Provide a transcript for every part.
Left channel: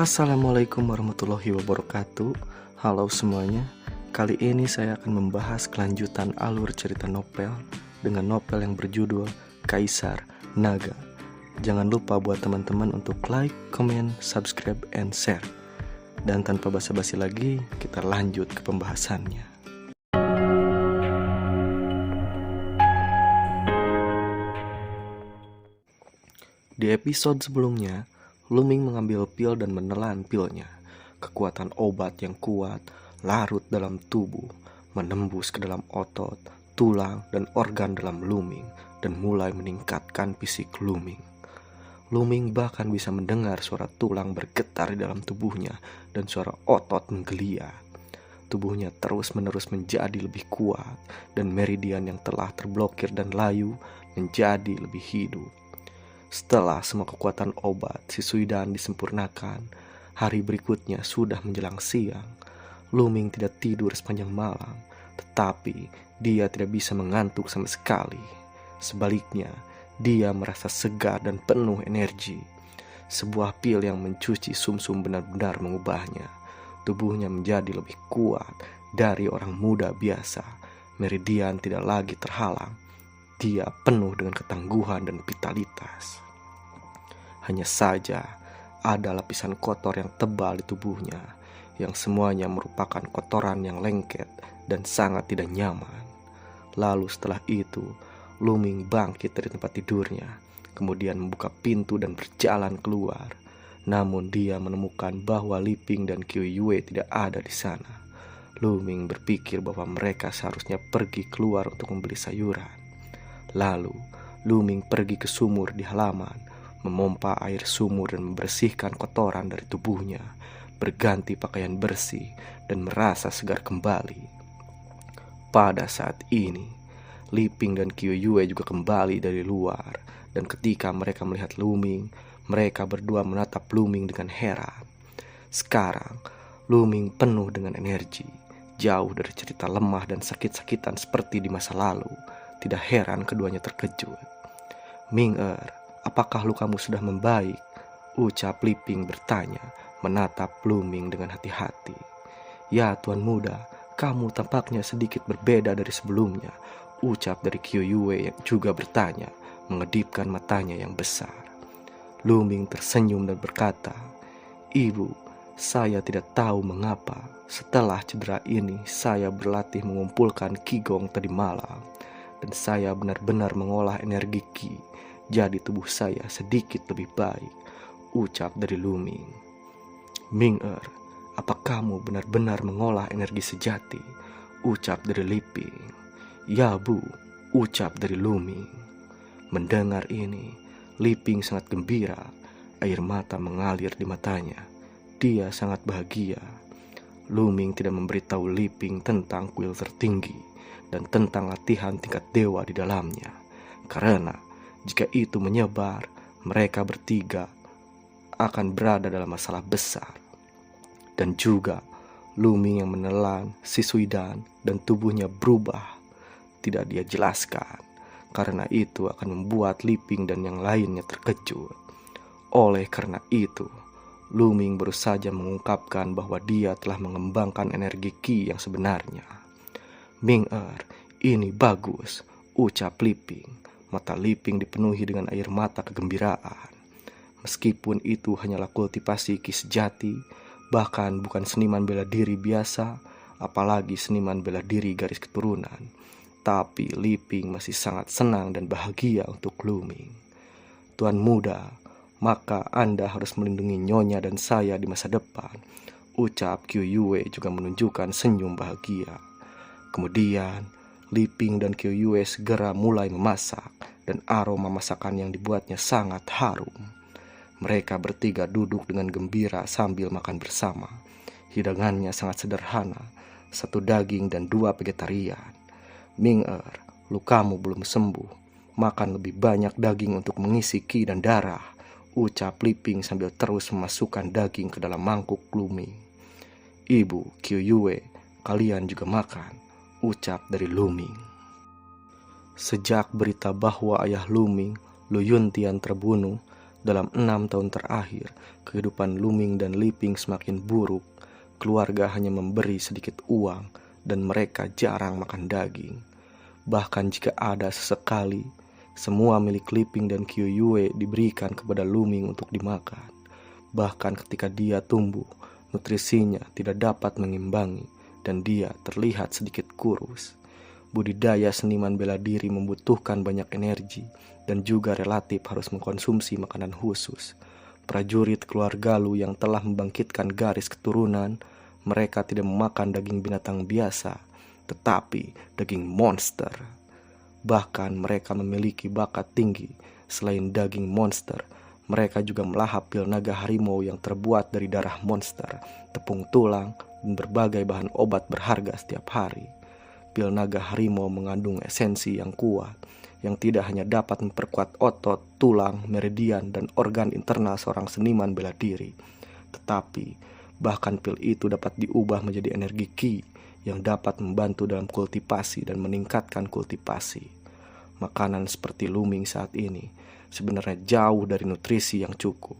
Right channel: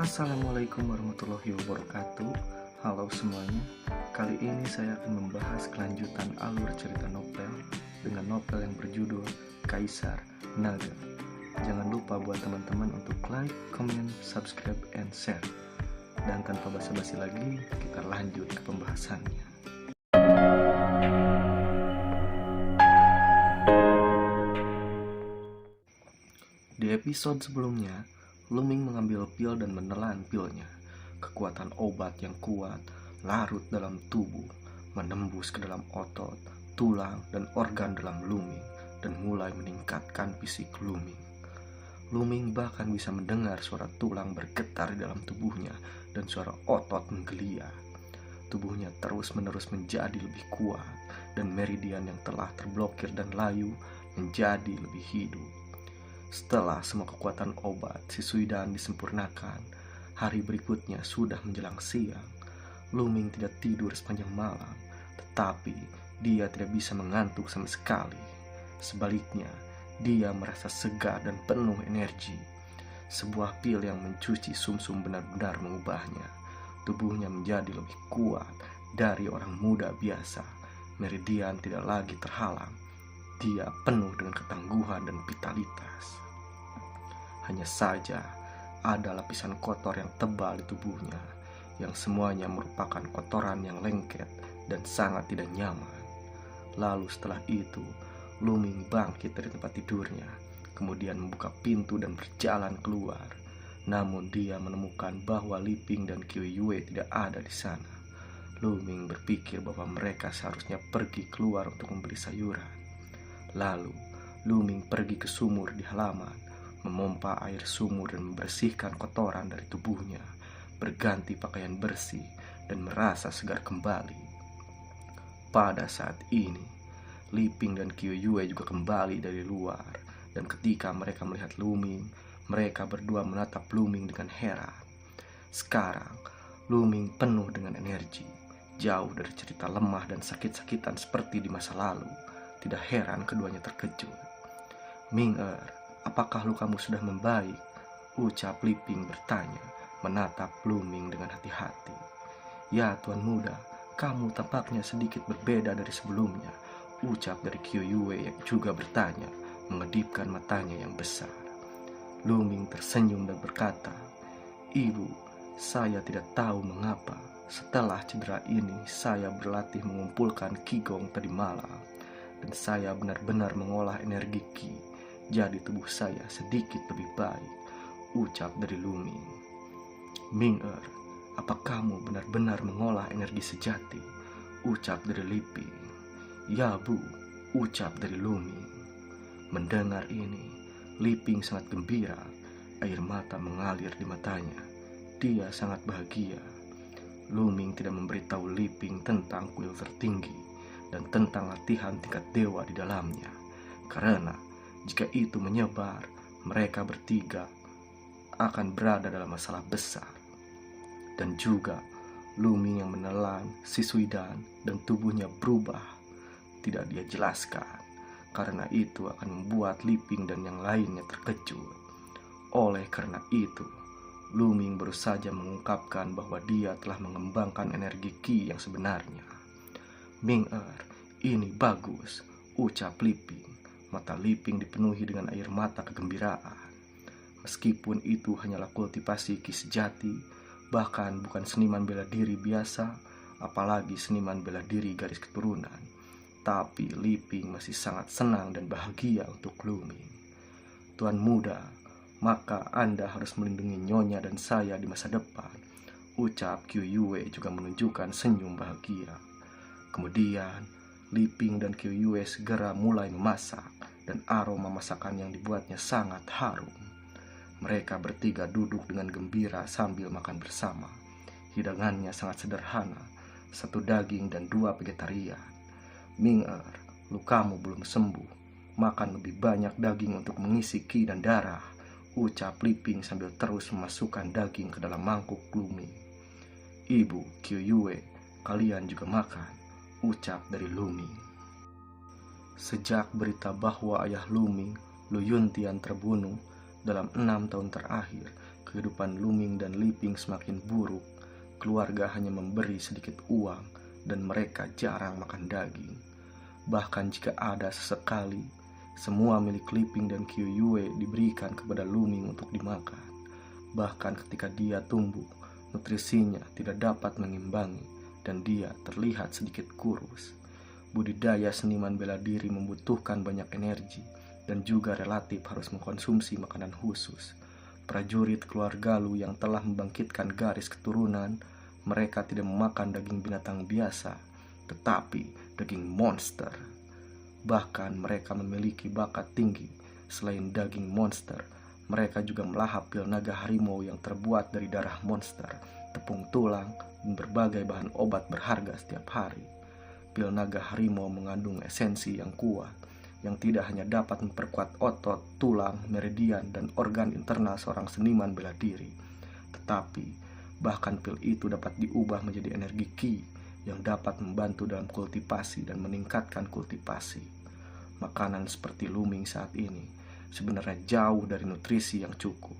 Assalamualaikum warahmatullahi wabarakatuh. Halo semuanya. Kali ini saya akan membahas kelanjutan alur cerita novel dengan novel yang berjudul Kaisar Naga. Jangan lupa buat teman-teman untuk like, comment, subscribe, and share. Dan tanpa basa-basi lagi, kita lanjut ke pembahasannya. Di episode sebelumnya, Luming mengambil pil dan menelan pilnya. Kekuatan obat yang kuat larut dalam tubuh, menembus ke dalam otot, tulang, dan organ dalam Luming, dan mulai meningkatkan fisik Luming. Luming bahkan bisa mendengar suara tulang bergetar di dalam tubuhnya dan suara otot menggeliat. Tubuhnya terus-menerus menjadi lebih kuat, dan meridian yang telah terblokir dan layu menjadi lebih hidup. Setelah semua kekuatan obat si Suidan disempurnakan, hari berikutnya sudah menjelang siang. Luming tidak tidur sepanjang malam, tetapi dia tidak bisa mengantuk sama sekali. Sebaliknya, dia merasa segar dan penuh energi. Sebuah pil yang mencuci sumsum benar-benar mengubahnya. Tubuhnya menjadi lebih kuat dari orang muda biasa. Meridian tidak lagi terhalang. Dia penuh dengan ketangguhan dan vitalitas. Hanya saja ada lapisan kotor yang tebal di tubuhnya, yang semuanya merupakan kotoran yang lengket dan sangat tidak nyaman. Lalu setelah itu, Luming bangkit dari tempat tidurnya, kemudian membuka pintu dan berjalan keluar. Namun dia menemukan bahwa Liping dan Qiu Yue tidak ada di sana. Luming berpikir bahwa mereka seharusnya pergi keluar untuk membeli sayuran. Lalu, Luming pergi ke sumur di halaman, memompa air sumur dan membersihkan kotoran dari tubuhnya, berganti pakaian bersih, dan merasa segar kembali. Pada saat ini, Liping dan Qiu Yue juga kembali dari luar, dan ketika mereka melihat Luming, mereka berdua menatap Luming dengan heran. Sekarang, Luming penuh dengan energi, jauh dari cerita lemah dan sakit-sakitan seperti di masa lalu. Tidak heran keduanya terkejut. "Ming-er, apakah lukamu sudah membaik?" ucap Liping bertanya, menatap Luming dengan hati-hati. "Ya, Tuan Muda, kamu tampaknya sedikit berbeda dari sebelumnya," ucap dari Qiu Yue yang juga bertanya, mengedipkan matanya yang besar. Luming tersenyum dan berkata, "Ibu, saya tidak tahu mengapa setelah cedera ini saya berlatih mengumpulkan Qigong tadi malam. Dan saya benar-benar mengolah energi Qi, jadi tubuh saya sedikit lebih baik," ucap dari Luming. "Ming-er, apa kamu benar-benar mengolah energi sejati?" ucap dari Liping. "Ya, Bu," ucap dari Luming. Mendengar ini, Liping sangat gembira. Air mata mengalir di matanya. Dia sangat bahagia. Luming tidak memberitahu Liping tentang kuil tertinggi dan tentang latihan tingkat dewa di dalamnya, karena jika itu menyebar, mereka bertiga akan berada dalam masalah besar. Dan juga Luming yang menelan si Suidan dan tubuhnya berubah tidak dia jelaskan, karena itu akan membuat Liping dan yang lainnya terkejut. Oleh karena itu, Luming baru saja mengungkapkan bahwa dia telah mengembangkan energi Qi yang sebenarnya. "Ming-er, ini bagus," ucap Liping. Mata Liping dipenuhi dengan air mata kegembiraan. Meskipun itu hanyalah kultivasi Qi sejati, bahkan bukan seniman bela diri biasa, apalagi seniman bela diri garis keturunan, tapi Liping masih sangat senang dan bahagia untuk Luming. "Tuan Muda, maka Anda harus melindungi Nyonya dan saya di masa depan," ucap Qiu Yue juga menunjukkan senyum bahagia. Kemudian, Liping dan Qiu Yue segera mulai memasak, dan aroma masakan yang dibuatnya sangat harum. Mereka bertiga duduk dengan gembira sambil makan bersama. Hidangannya sangat sederhana, 1 daging dan 2 vegetarian. "Ming-er, lukamu belum sembuh. Makan lebih banyak daging untuk mengisi Qi dan darah," ucap Liping sambil terus memasukkan daging ke dalam mangkuk Luming. "Ibu, Qiu Yue, kalian juga makan," ucap dari Luming. Sejak berita bahwa ayah Luming, Lu Yuntian terbunuh, Dalam 6 tahun terakhir, kehidupan Luming dan Liping semakin buruk. Keluarga hanya memberi sedikit uang dan mereka jarang makan daging. Bahkan jika ada sesekali, semua milik Liping dan Kyuyue diberikan kepada Luming untuk dimakan. Bahkan ketika dia tumbuh, nutrisinya tidak dapat mengimbangi dan dia terlihat sedikit kurus. Budidaya seniman bela diri membutuhkan banyak energi dan juga relatif harus mengkonsumsi makanan khusus. Prajurit keluarga Lu yang telah membangkitkan garis keturunan, mereka tidak memakan daging binatang biasa, tetapi daging monster. Bahkan mereka memiliki bakat tinggi. Selain daging monster, mereka juga melahap pil naga harimau yang terbuat dari darah monster, tepung tulang, dan berbagai bahan obat berharga setiap hari. Pil naga harimau mengandung esensi yang kuat, yang tidak hanya dapat memperkuat otot, tulang, meridian, dan organ internal seorang seniman bela diri, tetapi bahkan pil itu dapat diubah menjadi energi ki yang dapat membantu dalam kultivasi dan meningkatkan kultivasi. Makanan seperti Luming saat ini sebenarnya jauh dari nutrisi yang cukup.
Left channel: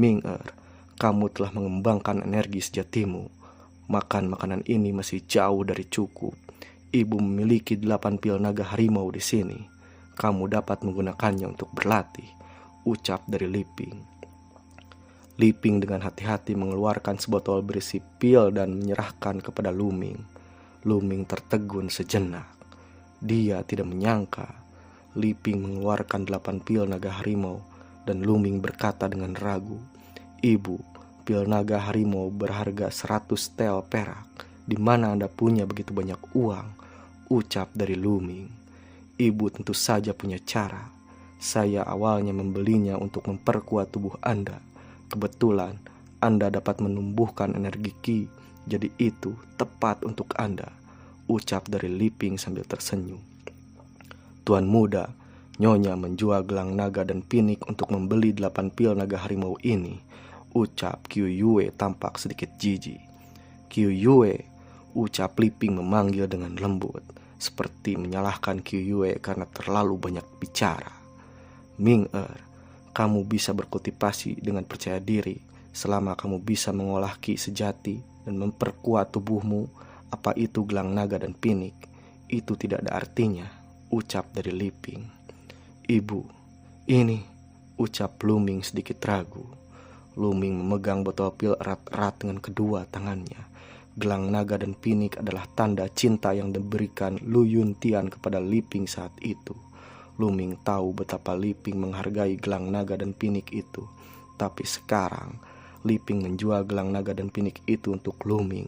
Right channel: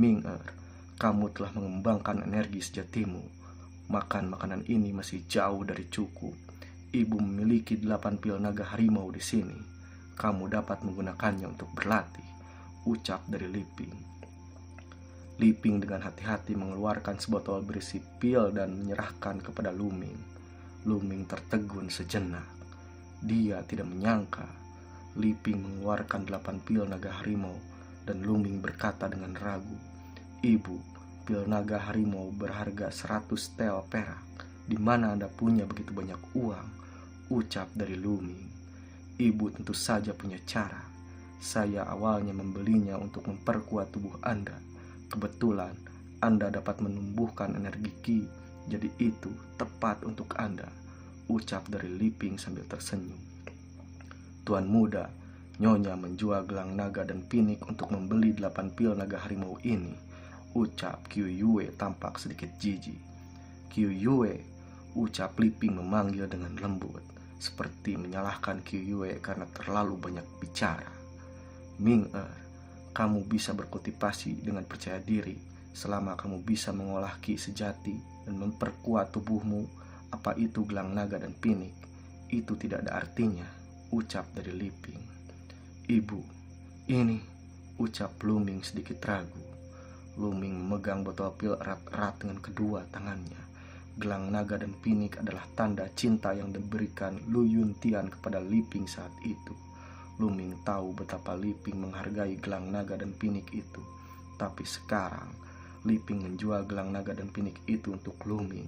Ming-er, kamu telah mengembangkan energi sejatimu. Makan makanan ini masih jauh dari cukup. Ibu memiliki 8 pil naga harimau di sini. Kamu dapat menggunakannya untuk berlatih, ucap dari Liping. Liping dengan hati-hati mengeluarkan sebotol berisi pil dan menyerahkan kepada Luming. Luming tertegun sejenak. Dia tidak menyangka Liping mengeluarkan 8 pil naga harimau dan Luming berkata dengan ragu, "Ibu, pil naga harimau berharga 100 tel perak. Di mana Anda punya begitu banyak uang?" ucap dari Luming. "Ibu tentu saja punya cara. Saya awalnya membelinya untuk memperkuat tubuh Anda. Kebetulan Anda dapat menumbuhkan energi ki, jadi itu tepat untuk Anda," ucap dari Liping sambil tersenyum. "Tuan muda, Nyonya menjual gelang naga dan pinik untuk membeli 8 pil naga harimau ini," ucap Kyuyue tampak sedikit jijik. "Kyuyue," ucap Liping memanggil dengan lembut, seperti menyalahkan Kyuyue karena terlalu banyak bicara. "Ming-er, kamu bisa berkultivasi dengan percaya diri selama kamu bisa mengolah ki sejati dan memperkuat tubuhmu. Apa itu gelang naga dan pinik? Itu tidak ada artinya," ucap dari Liping. "Ibu, ini," ucap Luming sedikit ragu. Luming memegang botol pil erat-erat dengan kedua tangannya. Gelang naga dan pinik adalah tanda cinta yang diberikan Lu Yuntian kepada Liping saat itu. Luming tahu betapa Liping menghargai gelang naga dan pinik itu. Tapi sekarang Liping menjual gelang naga dan pinik itu untuk Luming.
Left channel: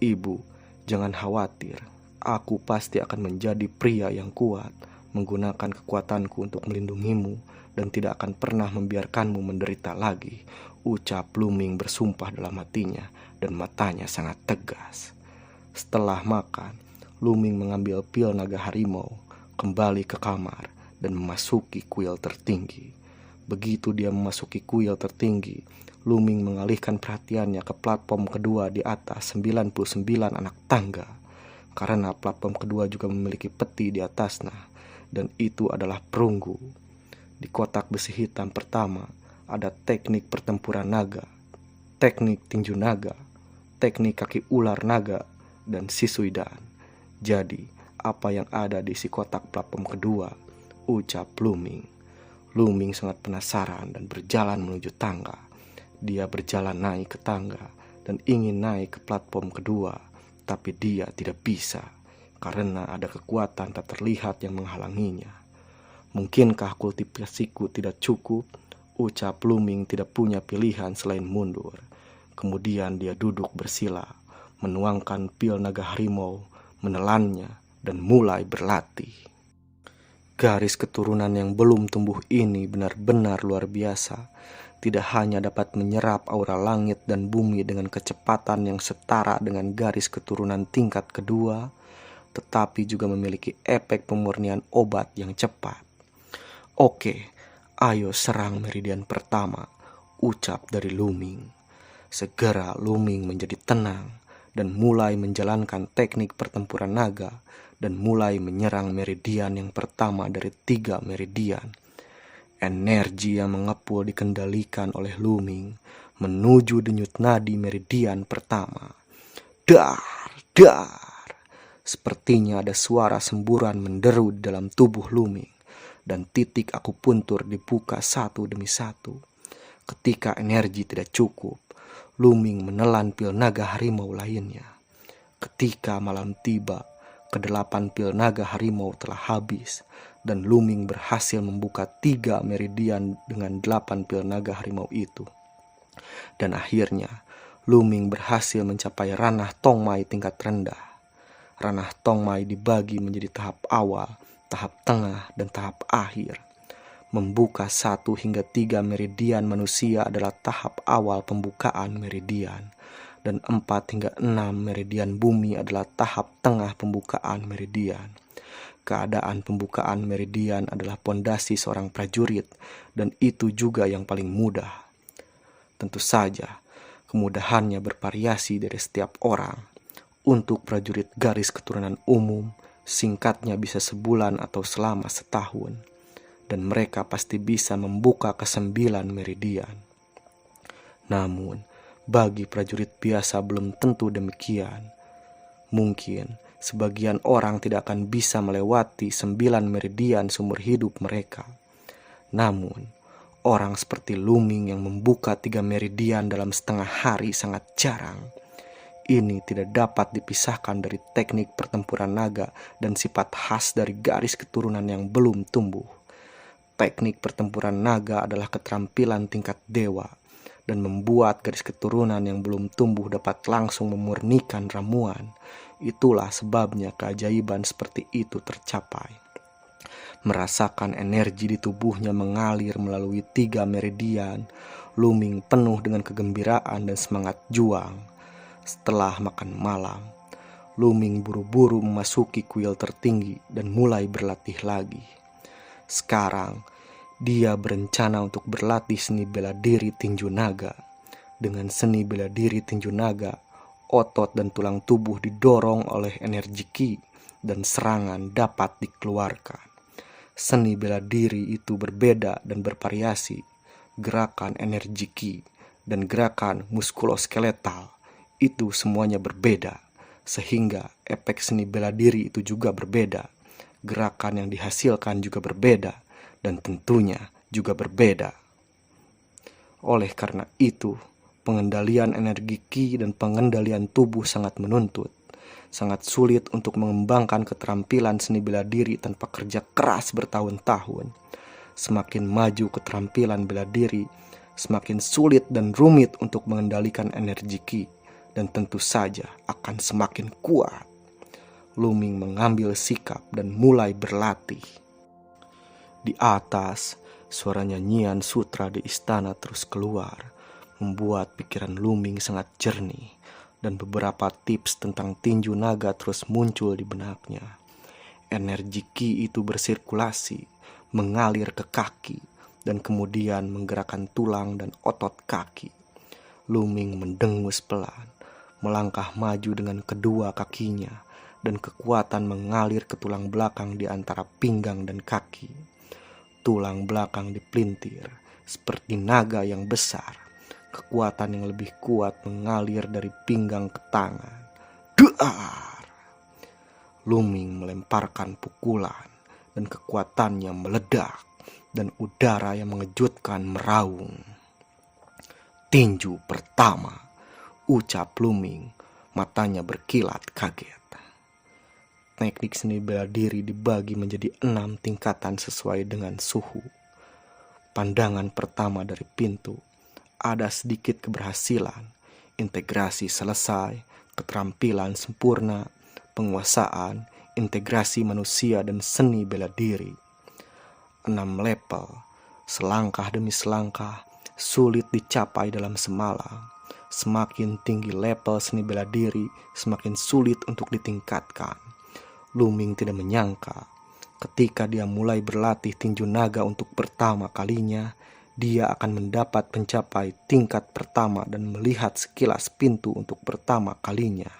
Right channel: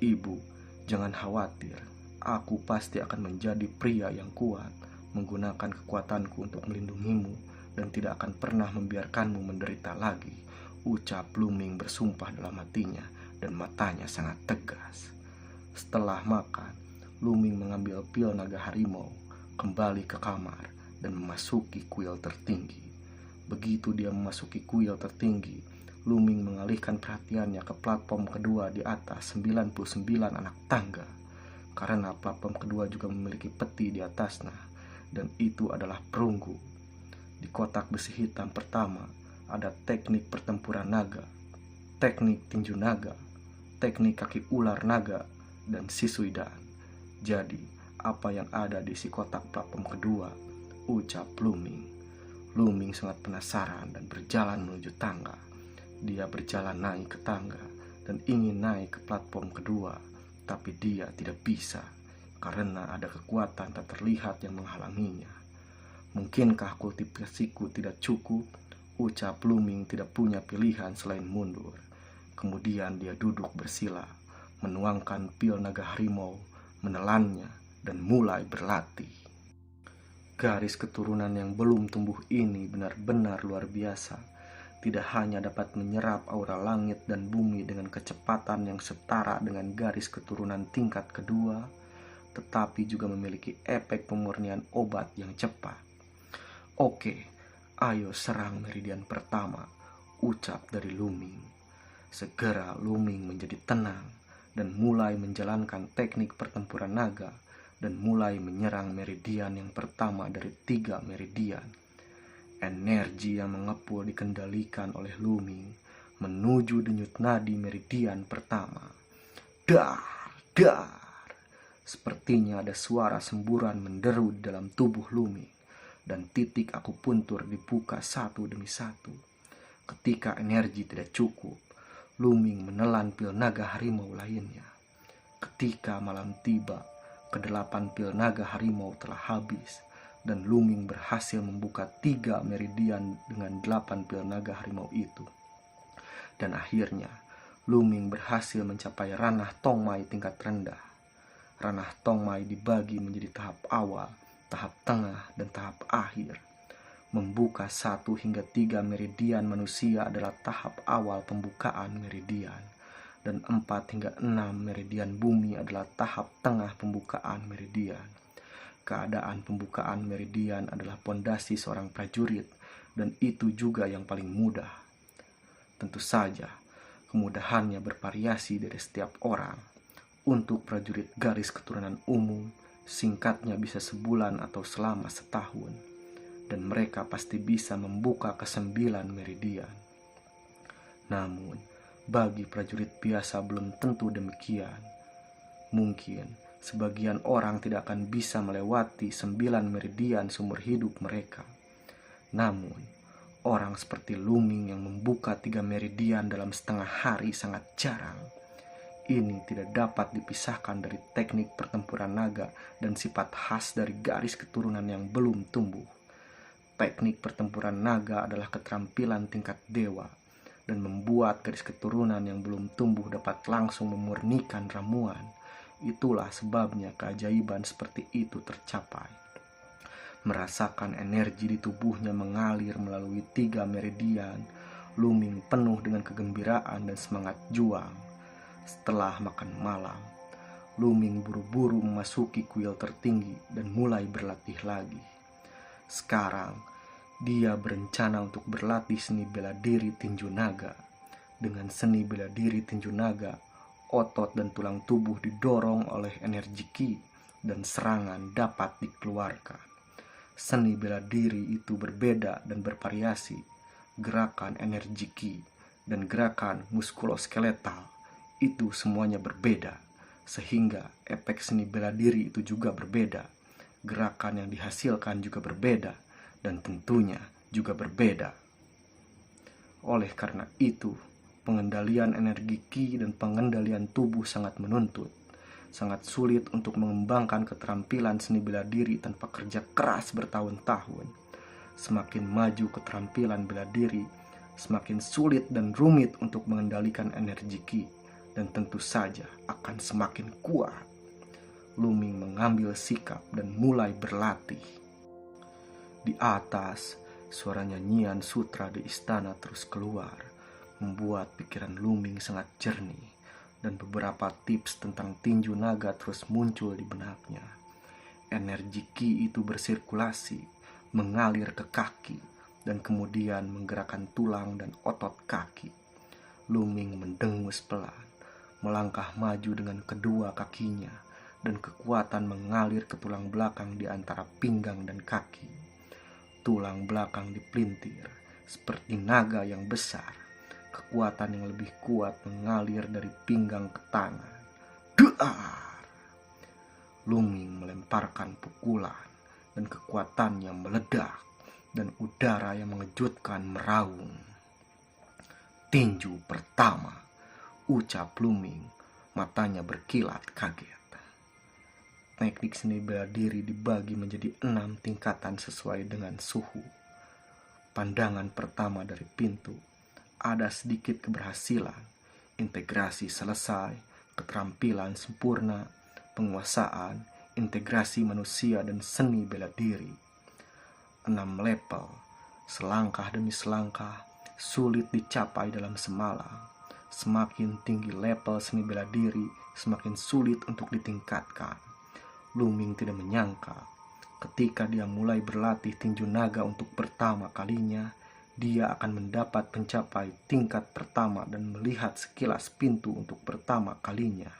"Ibu, jangan khawatir. Aku pasti akan menjadi pria yang kuat, menggunakan kekuatanku untuk melindungimu dan tidak akan pernah membiarkanmu menderita lagi," ucap Luming bersumpah dalam hatinya dan matanya sangat tegas. Setelah makan, Luming mengambil pil naga harimau, kembali ke kamar dan memasuki kuil tertinggi. Begitu dia memasuki kuil tertinggi, Luming mengalihkan perhatiannya ke platform kedua di atas 99 anak tangga. Karena platform kedua juga memiliki peti di atasnya, dan itu adalah perunggu. Di kotak besi hitam pertama ada teknik pertempuran naga, teknik tinju naga, teknik kaki ular naga, dan Shisuidan. "Jadi, apa yang ada di si kotak platform kedua?" ucap Luming. Luming sangat penasaran dan berjalan menuju tangga. Dia berjalan naik ke tangga dan ingin naik ke platform kedua, tapi dia tidak bisa karena ada kekuatan tak terlihat yang menghalanginya. "Mungkinkah kultivasiku tidak cukup?" ucap Luming tidak punya pilihan selain mundur. Kemudian dia duduk bersila, menuangkan pil naga harimau, menelannya, dan mulai berlatih. Garis keturunan yang belum tumbuh ini benar-benar luar biasa. Tidak hanya dapat menyerap aura langit dan bumi dengan kecepatan yang setara dengan garis keturunan tingkat kedua, tetapi juga memiliki efek pemurnian obat yang cepat. "Oke, ayo serang meridian pertama," ucap dari Luming. Segera Luming menjadi tenang dan mulai menjalankan teknik pertempuran naga dan mulai menyerang meridian yang pertama dari 3 meridian. Energi yang mengepul dikendalikan oleh Luming menuju denyut nadi meridian pertama. Dar, dar. Sepertinya ada suara semburan menderu di dalam tubuh Luming, dan titik akupuntur dibuka satu demi satu. Ketika energi tidak cukup, Luming menelan pil naga harimau lainnya. Ketika malam tiba, kedelapan pil naga harimau telah habis, dan Luming berhasil membuka 3 meridian dengan 8 pil naga harimau itu. Dan akhirnya, Luming berhasil mencapai ranah Tongmai tingkat rendah. Ranah Tongmai dibagi menjadi tahap awal, tahap tengah, dan tahap akhir. Membuka 1 hingga 3 meridian manusia adalah tahap awal pembukaan meridian, dan 4 hingga 6 meridian bumi adalah tahap tengah pembukaan meridian. Keadaan pembukaan meridian adalah pondasi seorang prajurit, dan itu juga yang paling mudah. Tentu saja, kemudahannya bervariasi dari setiap orang. Untuk prajurit garis keturunan umum, singkatnya bisa sebulan atau selama setahun, dan mereka pasti bisa membuka ke-9 meridian. Namun, bagi prajurit biasa belum tentu demikian. Mungkin sebagian orang tidak akan bisa melewati 9 meridian seumur hidup mereka. Namun, orang seperti Luming yang membuka 3 meridian dalam setengah hari sangat jarang. Ini tidak dapat dipisahkan dari teknik pertempuran naga dan sifat khas dari garis keturunan yang belum tumbuh. Teknik pertempuran naga adalah keterampilan tingkat dewa, dan membuat garis keturunan yang belum tumbuh dapat langsung memurnikan ramuan. Itulah sebabnya keajaiban seperti itu tercapai. Merasakan energi di tubuhnya mengalir melalui 3 meridian, Luming penuh dengan kegembiraan dan semangat juang. Setelah makan malam, Luming buru-buru memasuki kuil tertinggi dan mulai berlatih lagi. Sekarang, dia berencana untuk berlatih seni bela diri tinju naga. Dengan seni bela diri tinju naga, otot dan tulang tubuh didorong oleh energi ki dan serangan dapat dikeluarkan. Seni bela diri itu berbeda dan bervariasi. Gerakan energi ki dan gerakan muskuloskeletal itu semuanya berbeda, sehingga efek seni bela diri itu juga berbeda. Gerakan yang dihasilkan juga berbeda, dan tentunya juga berbeda. Oleh karena itu, pengendalian energi ki dan pengendalian tubuh sangat menuntut. Sangat sulit untuk mengembangkan keterampilan seni bela diri tanpa kerja keras bertahun-tahun. Semakin maju keterampilan bela diri, semakin sulit dan rumit untuk mengendalikan energi ki, dan tentu saja akan semakin kuat. Luming mengambil sikap dan mulai berlatih. Di atas, suara nyanyian sutra di istana terus keluar, membuat pikiran Luming sangat jernih, dan beberapa tips tentang tinju naga terus muncul di benaknya. Energi ki itu bersirkulasi, mengalir ke kaki, dan kemudian menggerakkan tulang dan otot kaki. Luming mendengus pelan, melangkah maju dengan kedua kakinya, dan kekuatan mengalir ke tulang belakang di antara pinggang dan kaki. Tulang belakang dipelintir seperti naga yang besar. Kekuatan yang lebih kuat mengalir dari pinggang ke tangan. Duar! Luming melemparkan pukulan, dan kekuatannya meledak, dan udara yang mengejutkan meraung. Tinju pertama, ucap Luming, matanya berkilat kaget. Teknik seni bela diri dibagi menjadi 6 tingkatan sesuai dengan suhu. Pandangan pertama dari pintu, ada sedikit keberhasilan, integrasi selesai, keterampilan sempurna, penguasaan, integrasi manusia dan seni bela diri. 6 level, selangkah demi selangkah, sulit dicapai dalam semalam. Semakin tinggi level seni bela diri, semakin sulit untuk ditingkatkan. Luming tidak menyangka, ketika dia mulai berlatih tinju naga untuk pertama kalinya, dia akan mendapat mencapai tingkat pertama dan melihat sekilas pintu untuk pertama kalinya.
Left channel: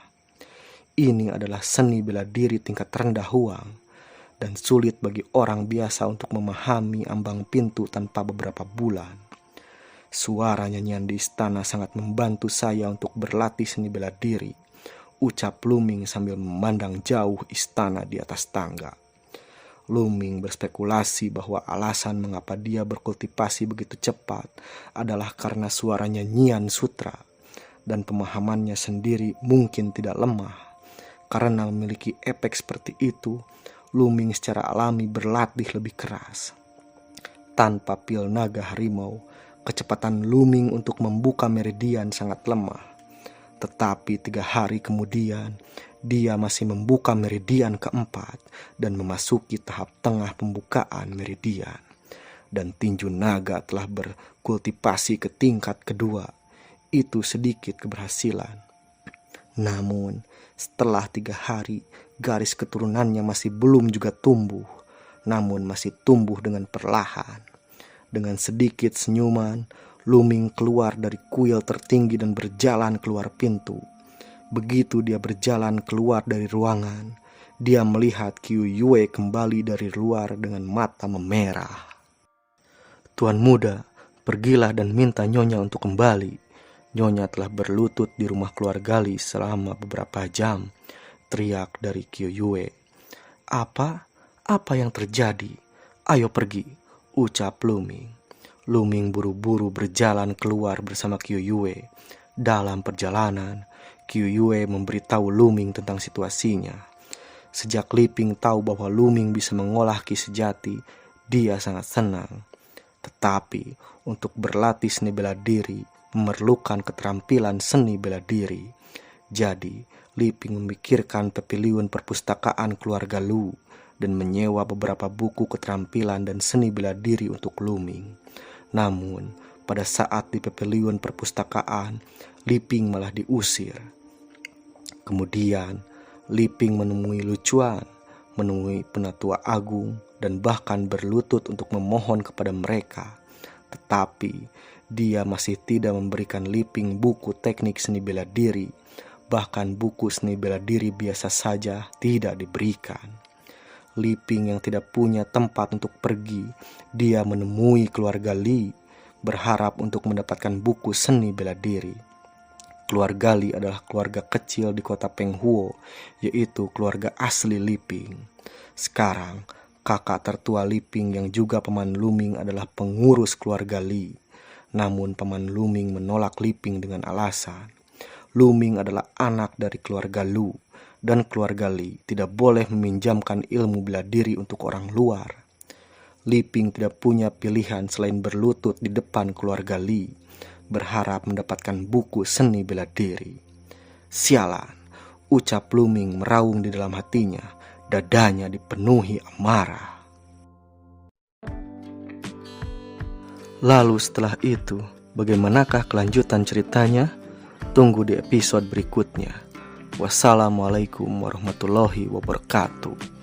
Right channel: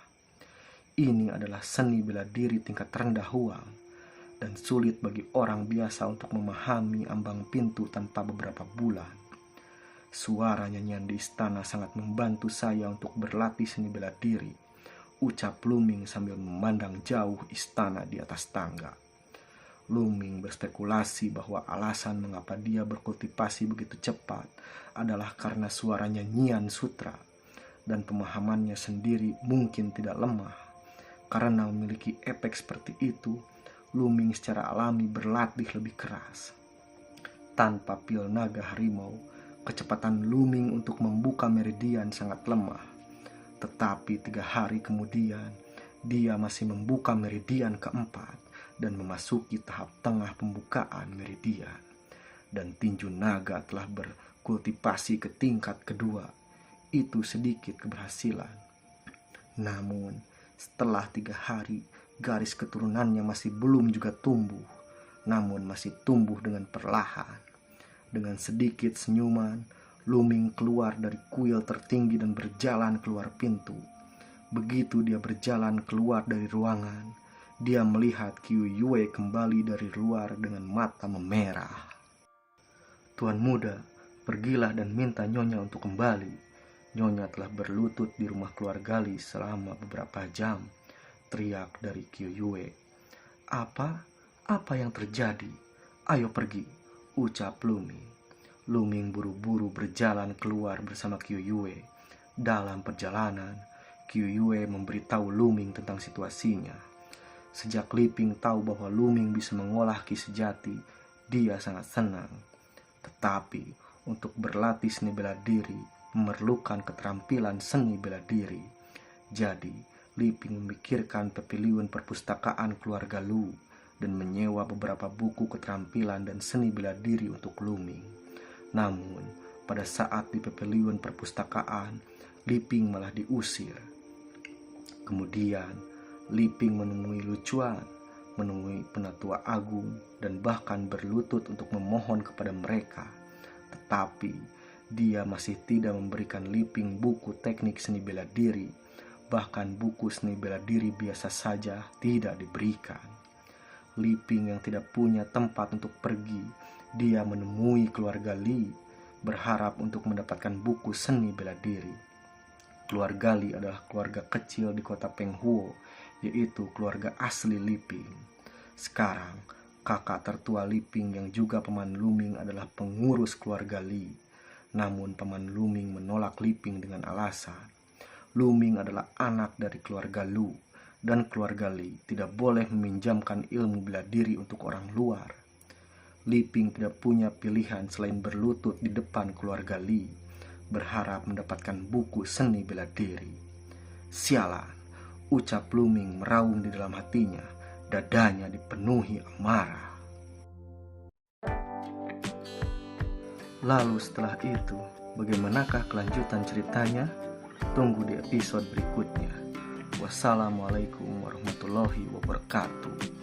Ini adalah seni bela diri tingkat rendah Huang. dan sulit bagi orang biasa untuk memahami ambang pintu tanpa beberapa bulan. Suara nyanyian di istana sangat membantu saya untuk berlatih seni bela diri, ucap Luming sambil memandang jauh istana di atas tangga. Luming berspekulasi bahwa alasan mengapa dia berkultivasi begitu cepat adalah karena suara nyanyian sutra, dan pemahamannya sendiri mungkin tidak lemah. Karena memiliki efek seperti itu, Luming secara alami berlatih lebih keras. Tanpa pil naga harimau, kecepatan Luming untuk membuka meridian sangat lemah. Tetapi 3 hari kemudian, dia masih membuka meridian keempat dan memasuki tahap tengah pembukaan meridian. Dan tinju naga telah berkultivasi ke tingkat kedua. Itu sedikit keberhasilan. Namun, setelah 3 hari, garis keturunannya masih belum juga tumbuh, namun masih tumbuh dengan perlahan. Dengan sedikit senyuman, Luming keluar dari kuil tertinggi dan berjalan keluar pintu. Begitu dia berjalan keluar dari ruangan, dia melihat Qiu Yue kembali dari luar dengan mata memerah. "Tuan muda, pergilah dan minta Nyonya untuk kembali. Nyonya telah berlutut di rumah keluarga Li selama beberapa jam," teriak dari Qiu Yue. Apa? Apa yang terjadi? "Ayo pergi," ucap Luming. Luming buru-buru berjalan keluar bersama Qiu Yue. Dalam perjalanan, Qiu Yue memberitahu Luming tentang situasinya. Sejak Liping tahu bahwa Luming bisa mengolah ki sejati, dia sangat senang. Tetapi untuk berlatih seni bela diri memerlukan keterampilan seni bela diri. Jadi, Liping memikirkan pavilion perpustakaan keluarga Lu dan menyewa beberapa buku keterampilan dan seni bela diri untuk Luming. Namun, pada saat di pavilion perpustakaan, Liping malah diusir. Kemudian, Liping menemui Lucuan, menemui Penatua Agung, dan bahkan berlutut untuk memohon kepada mereka. Tetapi, dia masih tidak memberikan Liping buku teknik seni bela diri. Bahkan buku seni bela diri biasa saja tidak diberikan. Liping yang tidak punya tempat untuk pergi, dia menemui keluarga Li, berharap untuk mendapatkan buku seni bela diri. Keluarga Li adalah keluarga kecil di kota Penghuo, yaitu keluarga asli Liping. Sekarang, kakak tertua Liping yang juga paman Luming adalah pengurus keluarga Li. Namun paman Luming menolak Liping dengan alasan Luming adalah anak dari keluarga Lu, dan keluarga Li tidak boleh meminjamkan ilmu bela diri untuk orang luar. Liping tidak punya pilihan selain berlutut di depan keluarga Li, berharap mendapatkan buku seni bela diri. "Sialan," ucap Luming meraung di dalam hatinya, dadanya dipenuhi amarah. Lalu setelah itu, bagaimanakah kelanjutan ceritanya? Tunggu di episode berikutnya. Wassalamualaikum warahmatullahi wabarakatuh.